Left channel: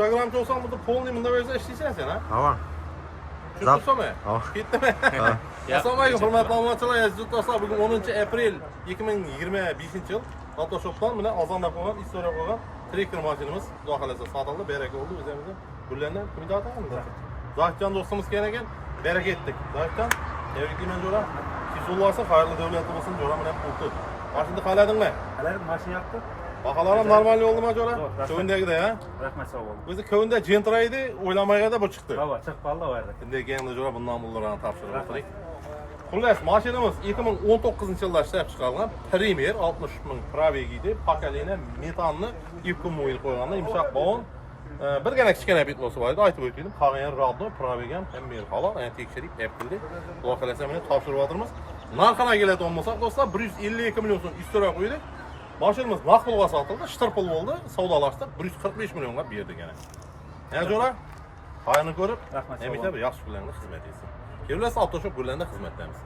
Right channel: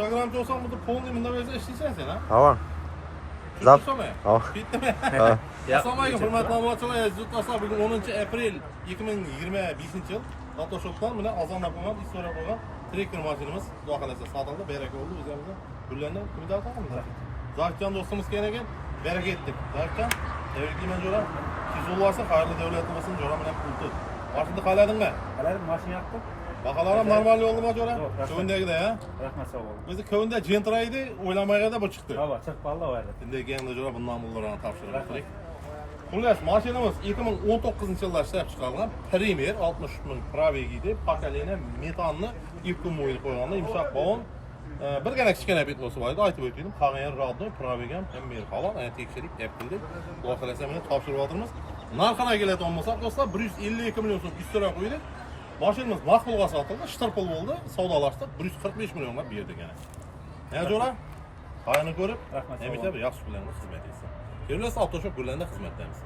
Instagram'da olsan burada polni bunda böyle işleyeceksin sen ha? Tamam. Zap. Tamam. Tamam. Bitti mi? Assalomu alaykum hurmatli obunachilar, aziz do'stlar. Bugun 10 aprel 2025 yil. Photoshop'dan bilan ozonlab qo'ygan, istorab qo'ygan trekker mashinamiz Xudo xolasa sotildi, baraka bo'ldi o'zimizga. Gullardan kimda atamiz? Zohidjon do'stimiz kelgan ekan, baraka etdik. Zohidjon, tabriklayman jo'ra. 200 bo'lsin, xayrli davlatli bo'lsin, jo'ra bilan pul tut. Mashinani qaladingmi? Qaladim, mashina yoqdi. Baholar normal yo'ldimi jo'ra? Ko'ndagida, ha? Rahmat, sog' bo'ling. O'zi ko'nda jentra edi, o'ylamaganda bu chiqdi. Hava chiqib qoldi u yerda. Bunday kelganda jo'ra bundan pullarni topshirib qo'ydik. Xullas, mashinamiz 2019-yilda ishlab chiqarilgan Premier 60 ming probegi edi. Pokoleniya metanni ipkum o'yil qo'yganlar, yumshoq bog'on. Birgina kichkina bitlosi bor edi, aytib o'tdim. Qolgan radno, probegi ham hamma halol, ana tekshirib, yapildi. Xudo xolasa buni topshirib oldirmiz. Narxini keladigan bo'lsak, do'stlar, 152 million so'm istoriya qo'ydik. Mashinamiz naqd pulga sotildi, shtir pul bo'ldi, savdolashdi, 145 millionga berdik yana. Jo'ra, xayrni ko'rib, rahmat. Hamida bir yaxshi kunlarni xizmat etsin. Kelinglar, Avtoshop Gullarda xizmatdamiz.